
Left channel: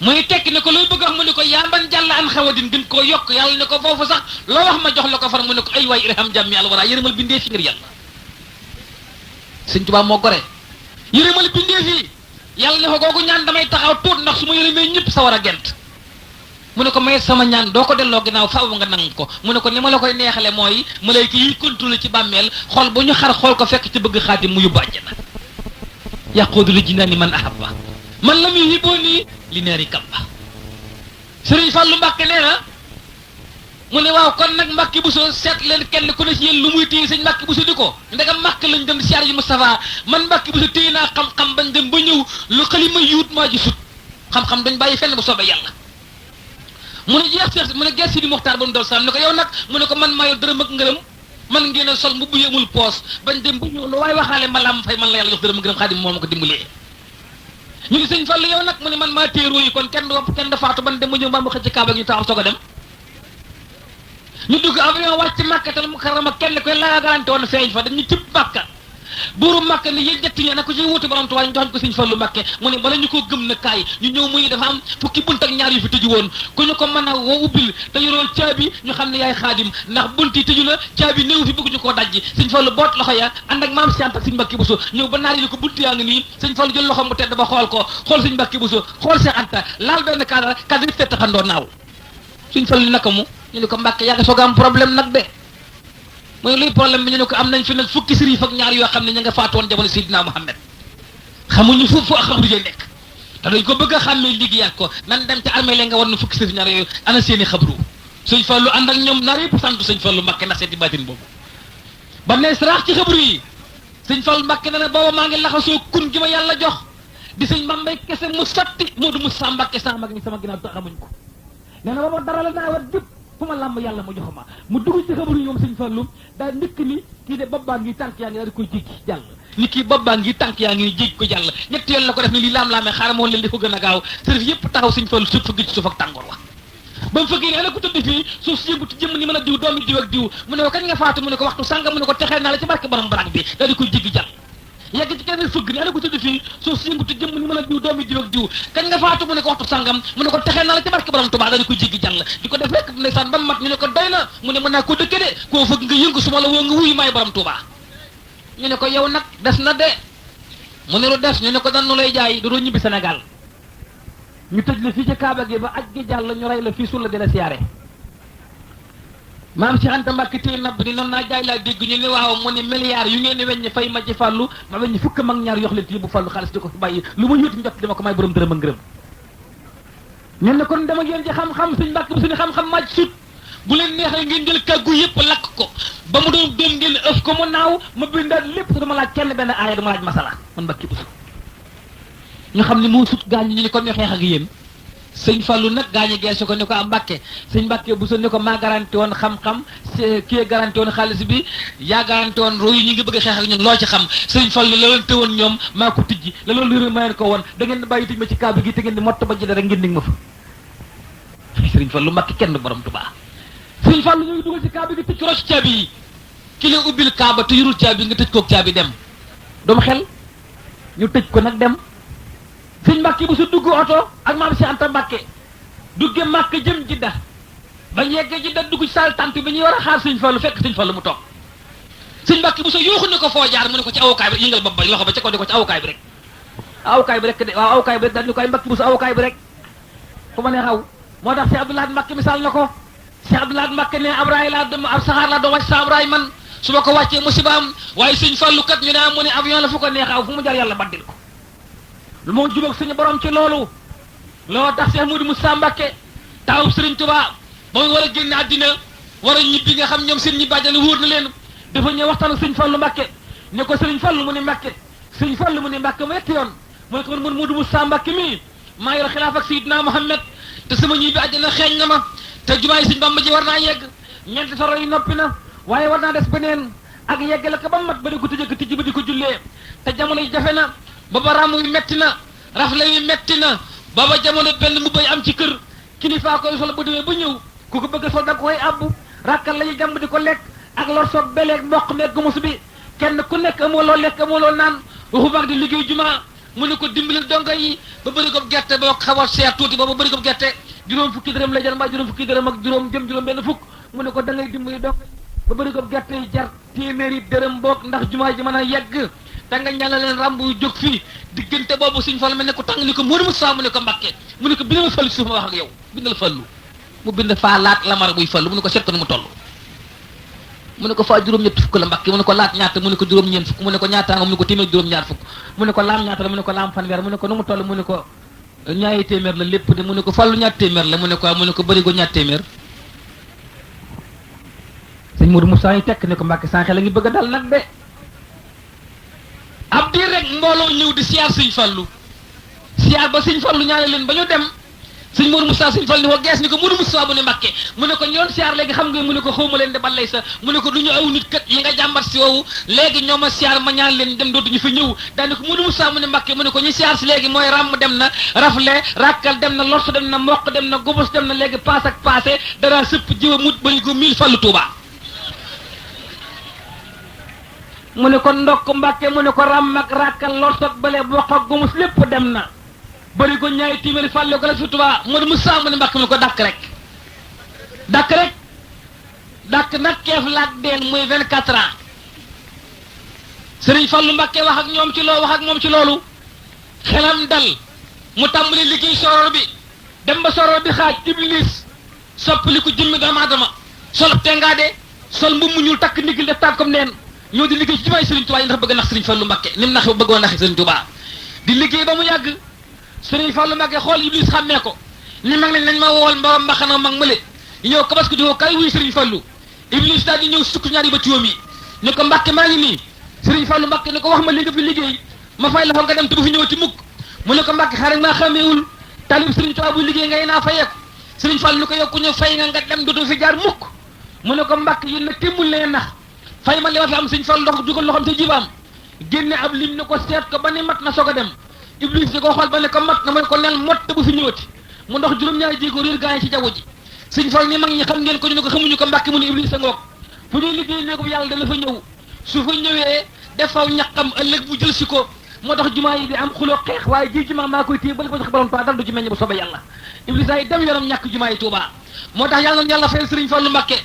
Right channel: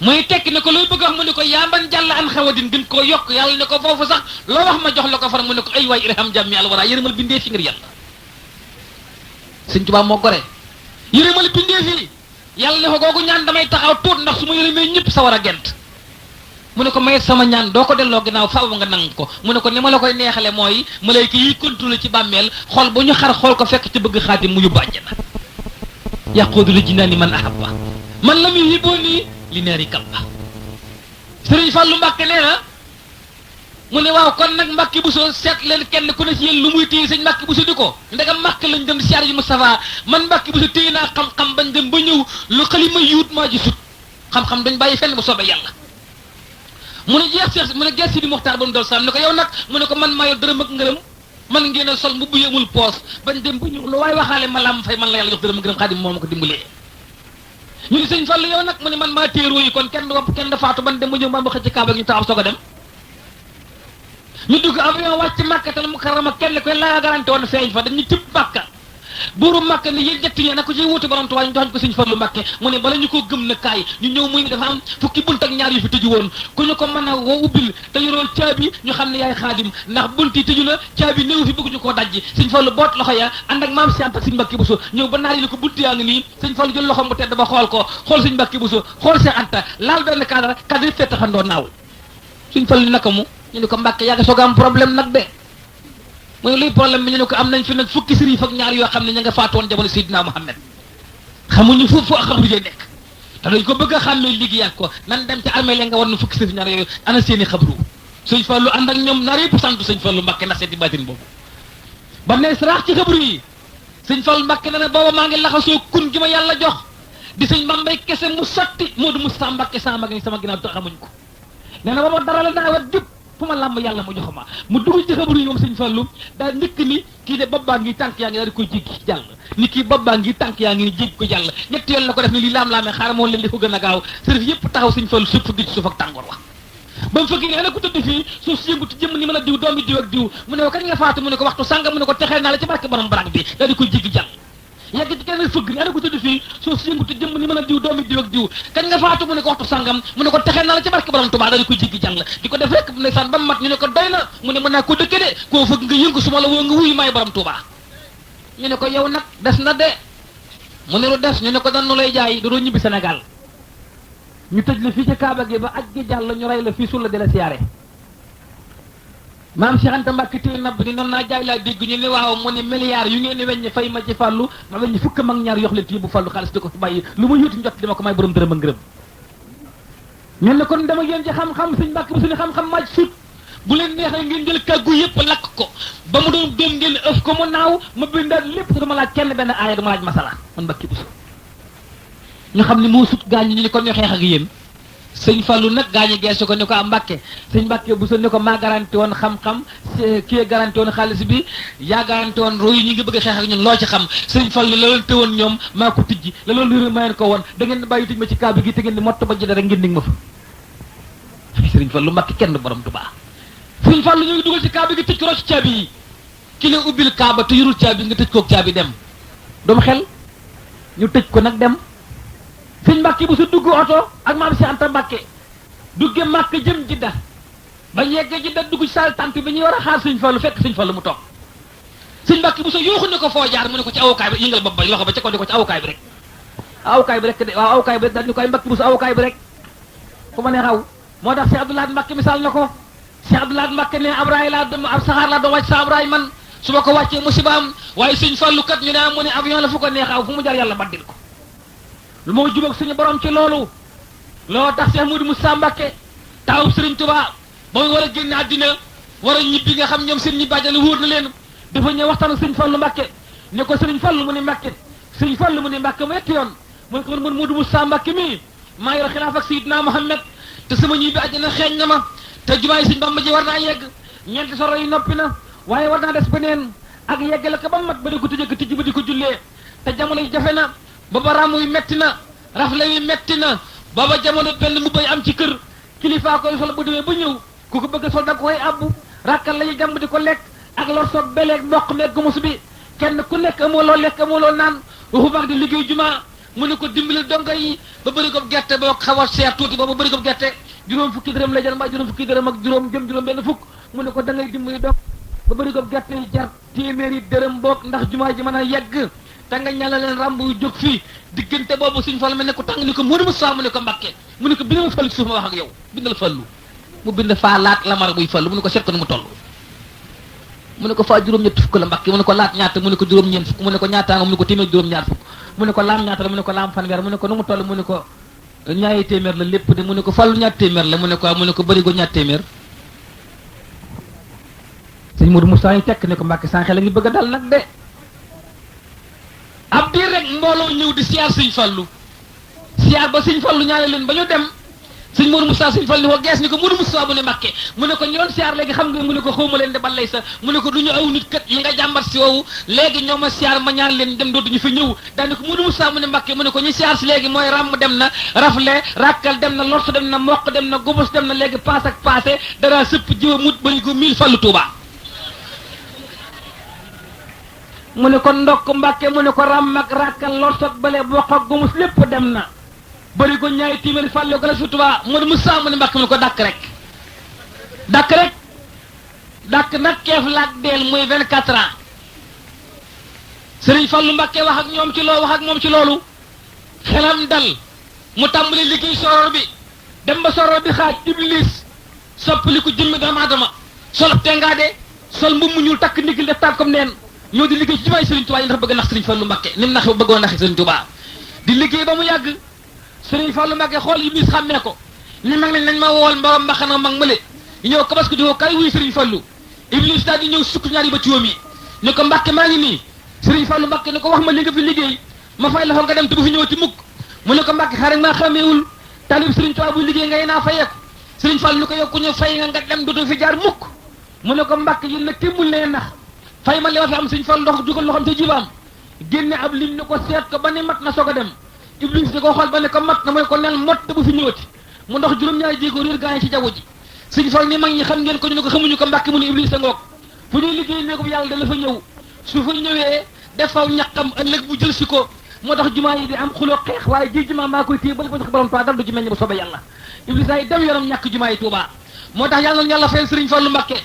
muy tekk ne ko looy bëgg a wax mu ne ko yaa man jàll an xawadin duñ koo yokk yàlla ne ko foofu sax loo wax ma jox la ko far mu ne ko ay waay irham jàmmi alwara yërëmal bindee fi ngir yàlla Sëriñ Tuubaa moo gore yërëmal bindee fii yàlla ne ko googu ñaan damay taxaw tuut ndax su ma yërëmee ñëpp sa war a gent mu ne ko may sama ñaan doo ko delloo ginnaaw faaw nga nangu ko mu ne ko ni ma la koy neexale mooy malayka yi contrôlé ci bàmmeel xool bu ñu xar xool ko fekk ci bëgg xaatim mu yóbbu àjjana yaquudu li jinaani man ahabba man lam yuhibbuuni li naari kabba Sëriñ Fallu Mbàkke nee na mu ne waaw kon nag Mbàkke Buso seet leen kenn ku ne ci yéen lu muy téye sëñ Mbàkke Buso di ko ndegam Mbàkke lañ dem siyaar ji Moustapha man Mbàkke Buso téye naa xam-xam bañ dem ba ñëw lu xalima yuut maa ji sut xam-xam dañ bàyyi fenn bu soobee yàlla mu ne jeex mu ne gees si di Muxtaar ba mu dol sam ne ko yow nag mu ne ko man maa yor dërëm ak ngërëm man ngeen a sol mbubb yu amul poos bañ dem ba ñëw lu waaye waxaale ma lam fay man la yàlla jox dërëm ak ngërëm Xaadim moo ma ko dimbalee ñu ne sëñ Fallu yow nag mu ne man maa téeroo yi kon kenn du wopp kenn du faatu ban dem ba ñëw mbaa mu xëcc ci kaaba gi ñu taxaw soog a dem ñu dugg avion wàcc Makkatal Mukarrama kenn koy laa garanti woon feeñ fa dañu cib Makka buuru Makka ne yéen ñett ñoo na ko ci wuti borom Tuubaa ñu joxañ ko sëñ Fallu Mbàkke mu ne bala ñu ko gëm na kaay ñu ñëw mu ne dafa am fukki bunt ak ñaar yu fi tëju woon ku ñu ko mën a woo ubbil te yoroo caabi ñu xam ne yaay Xaadim ndax bunt yi tëju na caabi néew fi bëgg ñu koo dajji sëñ Fallu boot loxo ya ànd ak maam Santa sëñ Mbàkke Buso ñëw ba naar yi ko bunt yaa ngi nii sëñ Fallu jël loxom bu tedd ba xool ko xool sëñ Mbàkke Buso xool Seex Anta laal benn cadre yi fett xandoo naaw sëñ Fallu naka mu ñu ne ko Mbàkke yaa nga soog a am problème nag de mooy luy problème bi ñu ne ko am nañ fi nag fukki sëriñ ak ñaar yoo xam ne ña nga faatoon jamono Seydina Muhammad xamuñu fu xabru yi nekk te dañ ko bëgg a xàmmee liggéeyaat ko nan dem ca armée la nga war na fukki sëriñ ñaar yooyu ana seeni xabru sëñ Fallu ànd ak ñoom naar yëpp sant sëñ Fallu Mbàkke ndax seeti baatin boobu ba mu ne saraax ci xabru yi sëñ Fallu Mbàkke na ne booba maa ngi laxasoo kun gi ma yàlla jox di sëñ Bambay kese mu sotti Moodu Musaa Mbàkke sama mag ni sama ginnaaw te xamuñ ko nee na ba ma dara la naa wat jub fu ma làmb yàlla mu jox ma mu dugg ci xabaru yi moom sëñ Fallu daal njëkk ni kii de bobbaa ngi tànk yaa ngi daal di koy jéggi jàll ni kii bobbaa ngi tànk yaa ngi ni jéggi ko jàll ñetti yoon la ko def ni lii laam-laamee xaaral moo leen di ko gën a gaaw sërif yëpp taxaw sëñ Fallu suuf fëgg ci suuf ak tàngoor wa ba mu fëggee ne ana ku tëdd fii suuf si yëngutu jëmm ni mën a diw doomi diw ak diw mu ne ko kañ nga faatu mu ne ko waxtu sànga mu ne ko texee naa la ci barke borom barak bi daal di koy jéggi jàll yegg ci keneen fëgg ni ana ko tëdd fii suuf si yëngutu jëmm ni mën a diw doomi diw ak diw kañ nga faatu mu ne ko waxtu sàngam mu ne ko texee naa la ci barke borom Tuubaa daal di koy jéggi jàll di ko def rek ndeysaan ba mat ñu ne ko doy na mu ne mën naa ko dëkke de koo fëgg nga yëngu su ma la woo nga wuyu maay borom Tuubaa ñu ne ko yow nag des na de mu ne lu des ñu ne ko dan lay jaay doo ñibbi Sénégal ñu tëj la fii ci Kaaba gi ba aj gi jàll ñu rey la fii sulla di la siyaare maam Cheikh Anta Mbàkke téye nabb ni noonu naa jaay laa dégg ñu ne waaw mu ne milliards yu ngeen ni weññi fay ma ci Fallu ma weññi fukk mag ñaar yox leen ci bu Fallu xaalis di ko bàyyi lu ma yóoti njot dama ko may borom dërëm ak ngërëm ñun ne kon dama yéen ci xam-xam suñ Mbàkke bu suñu xam-xam màcc sut bu leen neexee ngeen jël kàggu yëpp lakk ko ba mu doon doom ngeen ëf ko mu naaw ma bindaat lépp te dama laaj kenn benn aaya dama laaj masala man Mbàkke bu ñu xam ne moo sut gaañ ñu ne kon ñu xeex ak yéen sëñ Fallu nag gaañu geesu ko ne ko am Mbàkke sëñ Mbàkke bu ne ko maa garanti woon xam-xam kii garanti woon xaalis bi yaa garanti woon royu ñu ngi bëgg a xeex ak ñun loo ci xam sëñ Fallu la leen tëwoon ñoom maa ko tijji la loolu lëra mayeen ko woon da ngeen bàyyi tëj ma ci kaaba gi te ngeen di mott ba jëlee rek ngeen dig ma fa sëñ Fallu Mbàkke kenn du borom Tuubaa sëñ Fallu ñu ngi dugal ci kaaba gi tëj ko rocc caabi yi ki la ubbil kaaba te yorul caabi nga tëj koog caabi dem doomu xel ñu tëj ko nag dem sëñ Mbàkke bu su dugg oto ak maam Cheikh Anta Mbàkke dugge Màkka jëm Jidda ba yeggee Jidda dugg ci saal tànt bi ñuy war a xaar sëñ Fallu fekk sëñ Fallu mu toog sëñ Mbàkke bu su yuuxu ne ko foo jaar mu ne ko ci awukaay bi yëngal bopp ba loxo ba ca ko di ko ci awukaay bi rek awukaay bi rek de waaw awukaay bi rek daal ñu koy Mbàkke bu su awukaay bi rek fu ma ne xaw moo tax Cheikh Abdoulaye Mbàkke misaal na ko Cheikh Abdoulaye Mbàkke ne abraay laa dem ab saxaar laa doo wàcc sa abraay man su ma ko wàccee musiba am waaye sëñ Fallu kat ñu ne mu ne avion la fu ko neexaw fu mu jaar yàlla baddil ko lu moo jubóog suñu borom ci loolu loo tax Cheikh Modou Moussa Mbacke taawub Serigne Touba ba mu war a génn àddina war a ñibbi nga xam ñoom seen ñi bàjjale wóor na leen dafa ñëw waxtaan ak Serigne Fallu Mbacke ne ko Serigne Fallu mu ne Mbacke Serigne Fallu mu ne Mbacke mu yetti yoon mu ne ko man Modou Moussa Mbacke mii maa yor xilaaf ak Seydina Muhammad te sama ñibbi àddina xeeñ na ma te jumaay Serigne Bamba ji war naa yegg ñeenti soro yi noppi na waaye war naa des beneen ak yeggale ko ba mat ba di ko tëjee ko tijji ba di ko jullee te jamono yi jafe na booba ràmm yu metti na rafle yu metti na booba jamono benn mu bay am ci kër kilifaa koy sol bu demee ba ñëw ku ko bëgg a sol da koy abbu rakkal la yu jàmb di ko lekk ak lor soog beleeg mboq meeg gumus bi kenn ku nekk amoo loo lekk amoo loo naan waxu mag di liggéey jumaa mu ne ko dimbali dongo yi ba bëri ko gerte boo xaw a seer tuuti ba bëri ko gerte juróom fukki dërëm la jël mbaa juróom fukki dërëm ak juróom juróom benn fukk mu ne ko da ngay dimbali dongo ba bëri ko gerte yi jar téeméeri dërëm boog ndax jumaa ji mën a yegg te nga ñala leen ramb yu jóg fii diggante boobu suñ Fallu mel ne ko tàng ni ko Modou Moussa mu ne ko Mbàkke mu ne ko bindal Fallu suuf ma wax ak yow bindal Fallu mu bind faa laat lamar buy Fallu mu ne ko seet ko nu mu toll mu ne ko faa juróom-ñetti fukk la Mbàkke mu ne ko laat ñaata mu ne ko juróom-ñeent fukk mu ne ko ñaata nga mu ne ko téeméer juróom-ñaar fukk mu ne ko laam ñaata la mu ne ko laam fanweer mu ne ko nu mu toll mu ne ko ñaari téeméer la lépp de mu ne ko Fallu ñaar téeméer la mu ne ko mu ne ko bëri go ñaar téeméer. sëñ Modou Moussa yi tekk ne ko Mbàkke sànq la ngi bëgg a dal nag de. ab diir rek mbooloo ñëw di siyaar sëñ Fallu siyaar ba sëñ Fallu ñaare leen ba ñu dem sëñ Modou Moussa sëñ Fallu ni ko gees ni ko Modou Moussa mu ne Mbàkke mu ne ko ñoon siyaar léegi xam nga mu ne ko xawma leen de balay sa mu ne ko du ñu aw nit kat li nga jàmbat si woowu léegi ñoo ma siyaar ma ñaan leen dem dootuñu fi ñëw daane ko Modou Moussa mu ne Mbàkke mu ne ko ñu siyaar si léegi mooy ràmm dem na rafle rakkal dem na lors dem na mokk dem na gubus dem na léegi paas ak passé dara sëpp jiwa mut bari ko 1000 Fallu Tuuba mu ne ko ndokk Mbàkke mu ne ko ràmm ak rakkal lors ak bale bokk ak gumus lépp dem na bëri ko ñaari téeméeri Fallu Galas fi Tuuba Modou Moussa mu ne Mbàkke mu ne ko dàkk rek dàkk nag keef laak deel muy 24 ans Sëriñ Fallu Mbàkke wax ak ñoom ci loo wax ak moom ci loolu xelam dal mu tàmbali liggéey soror bi dem ba soror bi xaaj Iblis soppali ko jëmmi doomu aadama sol tengaade sol mbubb mu ñuul takk ndigil def tànkam neen ñoo di liggéey ci jumaay Sëriñ Tuubaa yi ndax bëgg nax Sëriñ Fallu Mbàkke ni mu nax bëggoon nax Sëriñ Tuubaa di liggéey ba mu yàgg Sëriñ Fallu Mbàkke xool Iblis xàmmee ko ni mag nañ ma wool mborom mbaxana mag mële ñëw kabas ko di woo kay wuy Sëriñ Fallu Iblis daal di ñëw sukk ñaari ba tuwam yi ne ko Mbàkke maa ngi nii Sëriñ Fallu Mbàkke ne ko wax ma li nga fi liggéey ma fay la fa nga dem te bu fi ñëwati mukk mu ne ko Mbàkke xaaral maa xàmmeewul talib Sëriñ Tuubaa bu liggéey ngay naa fayeeku Sëriñ Fallu ni ko yokku ñu fay nga dem dootu fi jaar mukk mu ne ko Mbàkke yéen nag témmul leen nax fay ma li ma fi am Sëriñ Fallu ndox dugal loxam te jibaam génne ab lim ne ko seet ko ba ne mat na soog a dem Iblis di ko xool ba ne ko mat na mu ne ko nel mot te bu fi ñëwati mu ndox juróom-ñaari jéego réer gaa yi ci jaww ji Sëriñ Fallu ni mag ñi xam ngeen ko ñu ne ko xamuñu ko Mbàkke mu ne Iblis a ngoog fu ñuy liggéey ne ko yàlla dana fa ñëw su fa ñëwee defaw ñaqam ëllëg bu jël si ko moo tax jumaa yi di am xuloo xeex waaye ji jumaa maa koy téye bali ko sax borom Tuubaa dal du ci meññ bu soobee yàlla Iblis ay dem yoonam ñàkk jumaa yi Tuubaa moo tax yàlla na yàlla fayal Sëriñ Fallu Mbàkke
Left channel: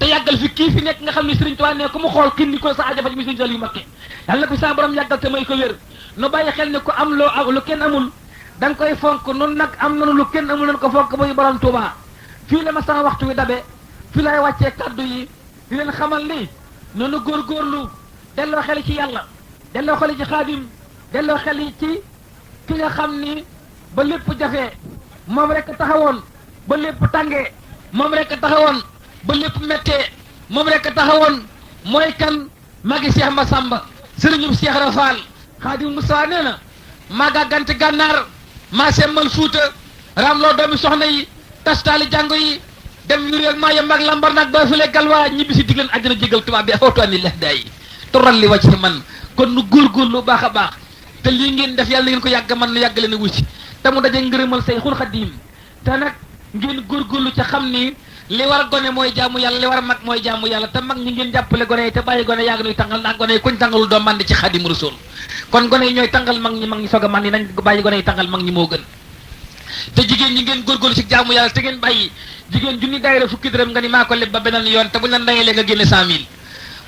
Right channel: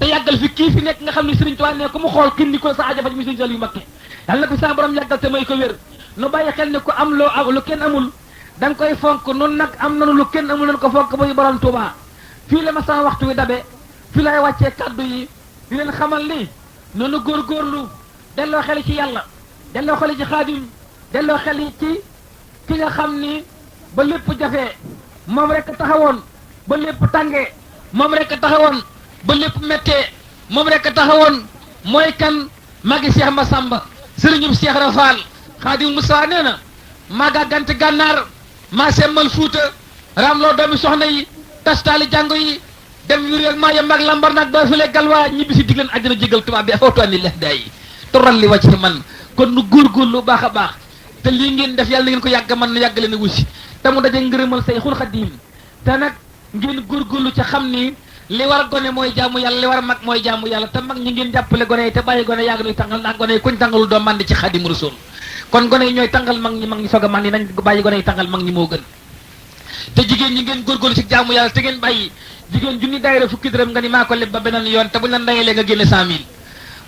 te yàggal fi kii fi nekk nga xam ne Sëriñ Tuubaa ne ko mu xool kin ni ko sa aajo faj mi Sëriñ Fallu Mbàkke yàlla bi sa borom yàggal te may ko wér nu bàyyi xel ne ko am loo lu kenn amul da nga koy fonk noonu nag am nanu lu kenn amul nañ ko fonk muy borom Tuubaa fii la ma sama waxtu wi dabe fii laay wàccee kaddu yi di leen xamal ni noonu góorgóorlu delloo xel ci yàlla delloo xel ci Xaadim delloo xel ci ki nga xam ni ba lépp jafee moom rek taxawoon ba lépp tàngee moom rek taxawoon ba lépp méttee moom rek taxawoon mooy kan magi Cheikh Massamba sëriñum Cheikh Rafal Xaadim Moussa nee na maa gàggante gànnaar maa semmal Fuuta raamloo doomi soxna yi tastaali jàngo yi dem yu réel maa yem ak lambar nag doo fi le galwaa ñibbi si digleen àjjana jégal tubaab bi afootuani lex day toral li wàcc man kon nu góorgóorlu baax a baax te lii ngeen def yàlla na ngeen ko yàgg man na yàgg leen a wusi te mu daje ngërëmal Sayxul Xadiim te nag ngeen góorgóorlu ca xam ni li war gone mooy jaamu yàlla li war mag mooy jaamu yàlla te mag ñi ngeen jàppale gone yi te bàyyi gone yàgg nuy tàngal ndax gone yi kuñ tàngalul doo màndi ci Xaadimu Rasuul kon gone yi ñooy tàngal mag ñi soog a màndi nañ bàyyi gone yi tàngal mag ñi moo gën te jigéen ñi ngeen góorgóorlu ci jaamu yàlla te ngeen bàyyi jigéen junni daayira fukki dërëm nga ni maa ko leb ba beneen yoon te buñ la ndayalee nga génne 100 000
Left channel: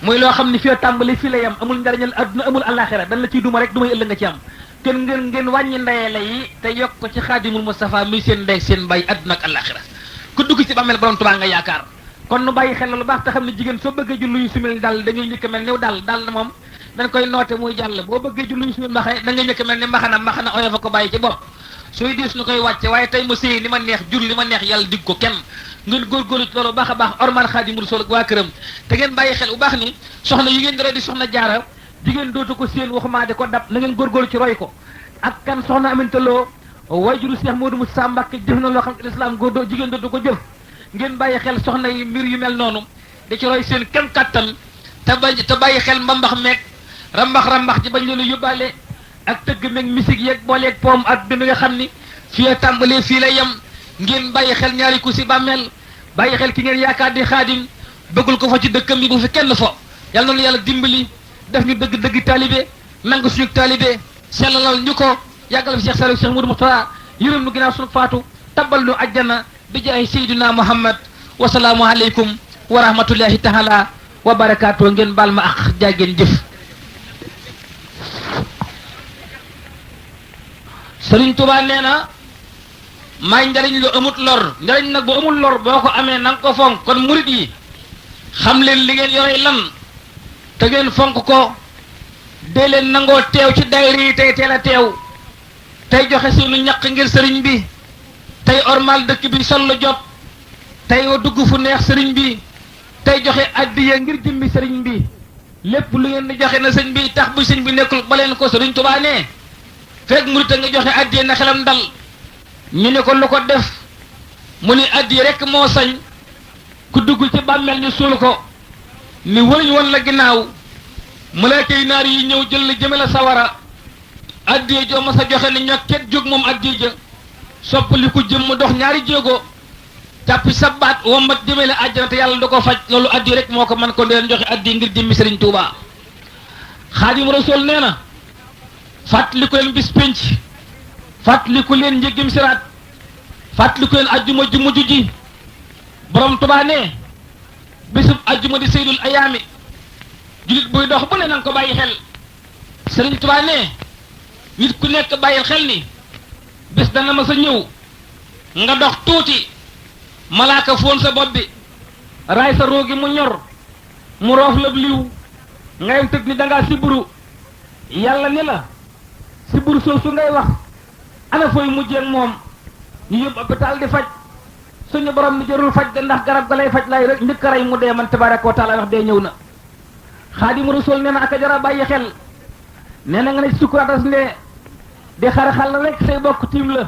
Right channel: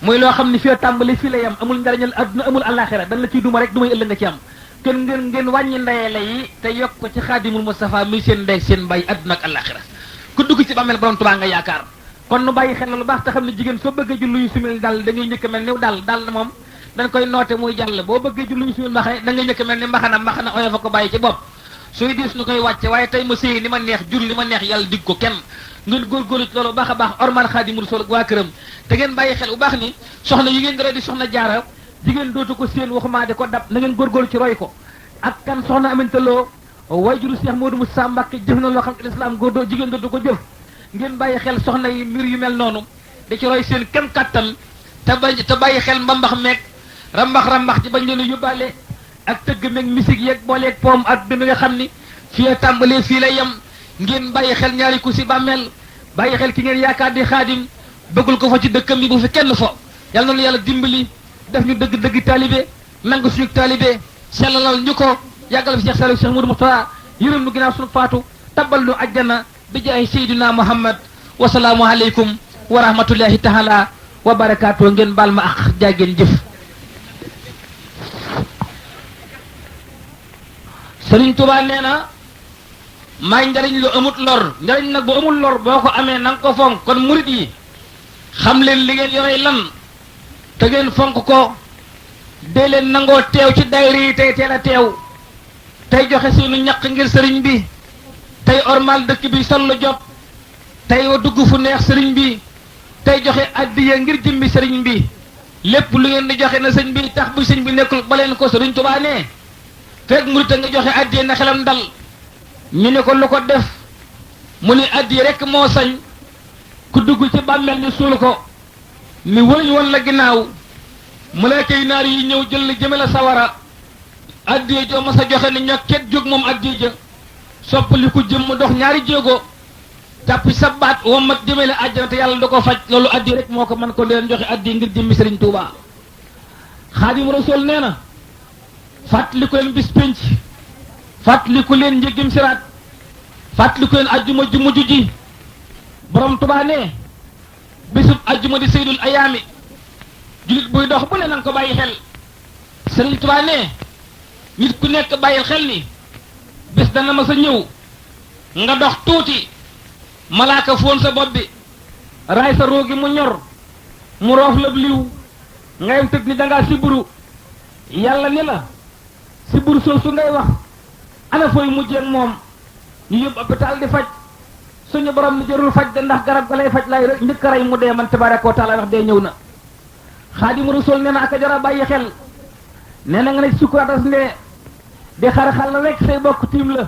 muy loo xam ne fii tàmbali fii la yam amul njariñal adduna amul àllaaxira dañ la ciy duma rek dumay ëllëg nga ci am kon ngeen wàññi ndayale yi te yokk ko ci Xaadimul Mustafa mi seen ndey seen mbay adduna ak àllaaxira ku dugg ci bàmmeel borom Tuubaa nga yaakaar kon nu bàyyi xel lu baax te xam ne jigéen soo bëggee jullu yu sumil dal da ngay njëkk mel ni dal na moom dañ koy noote muy jàll boo bëggee jullu yu sumil mbaxe da ngay njëkk mel ni mbaxana oyo fa ko bàyyi ci bopp suy diis nu koy wàcce waaye tey ma sëy li ma neex jur li ma neex yàlla dig ko kenn ngeen góorgóorlu ci loolu baax a baax ormal Xaadimu Rasuul ak waa këram te ngeen bàyyi xel bu baax ni soxna yi ngeen dara di soxna jaara jigéen dootu ko séen waxumaa di ko dab na ngeen góorgóorlu ci roy ko ak kan soxna Aminta Lo wayjuru Cheikh Modou Moussa Mbacke jëf na loo xam ne islam góor jigéen dootu ko jëf ngeen bàyyi xel soxna yi mbir yu mel noonu da ci roy seen kem kattan te bàyyi xel mbambax meeg rambax ci bañ leen a yóbbaale ak tëgg meeg musique yeeg booleeg poom ak bi nga xam ni fii tàmbalee fii lay yem ngeen bàyyi xel ñaari ku si bàmmeel bàyyi xel ki ngeen yaakaar di Xaadim bëggul ko fa ci dëkkam bi bu fi kenn fo yàlla na yàlla dimbali def ñu dëgg taalibe nangu suñu taalibe sellalal ñu ko yàggal fi Cheikh Saliou Cheikh Modou Moustapha yërëm nu ginnaaw suñu faatu tabal nu ajjana bi jaay Seydina Muhammad wasalaamu aleykum wa rahmatullahi taala wa barakaatu ngeen baal ma ak jaageen jëf Sëriñ Tuubaa nee na may njariñ lu amut lor njariñ nag bu amul lor boo ko amee na nga ko fonk kon murit yi xam leen li ngeen yore lan te ngeen fonk ko dee leen nangoo teew ci daayira yi tey teel a teew tey joxe suñu ñaq ngir sëriñ bi tey ormal dëkk bi sol lu jot tey dugg fu neex sëriñ bi tey joxe addiya ngir jëmmi sëriñ bi lépp lu ngeen di joxe na sëñ bi tax bu sëñ bi nekkul ba leen ko sëriñ Tuubaa ne fekk murit nga joxe addiya na xelam dal ñu ne ko lu ko def mu ni addiya rek moo sañ ku dugg ci bàmmeel ni suul ko ni wëriñ woon la ginnaaw malaaka yi naar yi ñëw jël la jëmale sawara addiya joo ma sa joxe ni ñokket jóg moom addiya ja soppali ku jëm mu dox ñaari jéego tàppi sa baat wommat jëmale àjjana te yàlla da ko faj loolu addiya rek moo ko man ko deen joxe addiya ngir jëmmi sëriñ Tuubaa Xaadimu Rasuul nee na fàttaliku leen bis pénc fàttaliku leen njëggim siraat fàttaliku leen ajjuma ju mujj ji borom Tuubaa ne bisub ajjuma di seydul ayaami julit buy dox bu ne nanga ko bàyyi xel sëriñ Tuubaa ne nit ku nekk bàyyil xel ni bés dana ma sa ñëw nga dox tuuti malaaka foon sa bopp bi raay sa roogi mu ñor mu roof la liw ngay tëg ni dangaa siburu yàlla ni la siburu soosu ngay wax ana fooy mujjee moom ñu yóbbu hôpital di faj suñu borom ni jarul faj de ndax garab ga lay faj lay rek njëkk a rey mu dee man tabaaraka wa taala wax dee ñëw na Xaadimu Rasuul nee na aka jara bàyyi xel nee na nga ne sukkuratas ndee di xar-xal la rek say bokk tiim la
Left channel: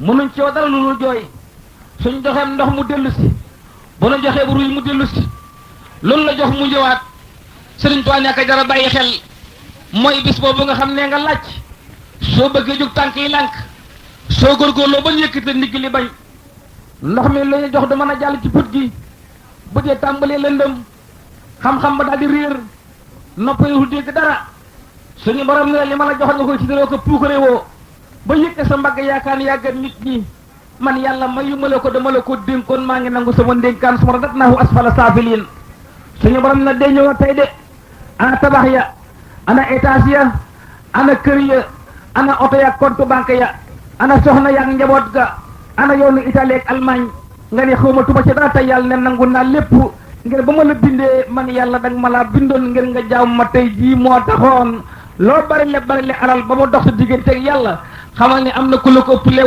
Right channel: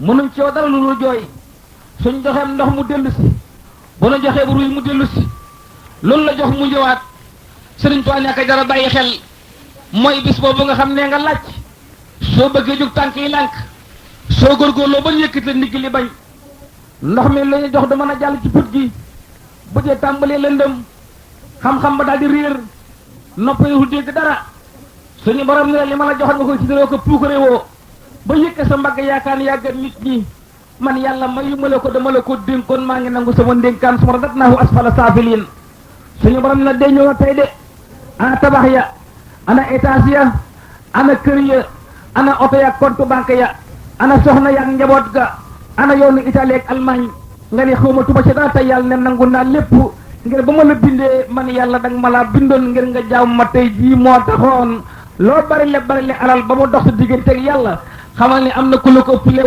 mënuñ ci yow dara lu dul jooy suñ joxeem ndox mu dellu si bu nu joxee bu ruy mu dellu si loolu la jox mu ñëwaat Sëriñ Tuubaa ne aka jara bàyyi xel mooy bis boobu nga xam ne nga laaj soo bëggee jóg tànk yi lànk soo góorgóorloo ba ñu yëkkite ndigg li bañ ndox mi la ñu jox du mën a jàll ci put gi bu dee tàmbalee lëndëm xam-xam ba daal di réer nopp yi dégg dara suñu borom ne li ma la joxoon nga koy ci dara ko puukare woo ba yëkke sa mbagg yaakaar ni yàggat nit ñi man yàlla mayu ma la ko dama la ko dénkoon maa ngi nangu sama ndénkaan suma rat naahu asfala saafiliin suñu borom ne day ñëw tey de ana tabax ya ana étage ya ana kër ya ana oto ya compte banque ya ana soxna ya ak njaboot ga ana yoonu Italie ak Allemagne nga ne xawma tuba ci dara tey yàlla ne nangu naa lépp ngir ba ma la bindee man yàlla danga ma laa bindoon ngir nga jaam ma tey jii moo taxoon loo bari le alal ba mu dox sa diggante ak yàlla xamal ni am na ku la ko ëppale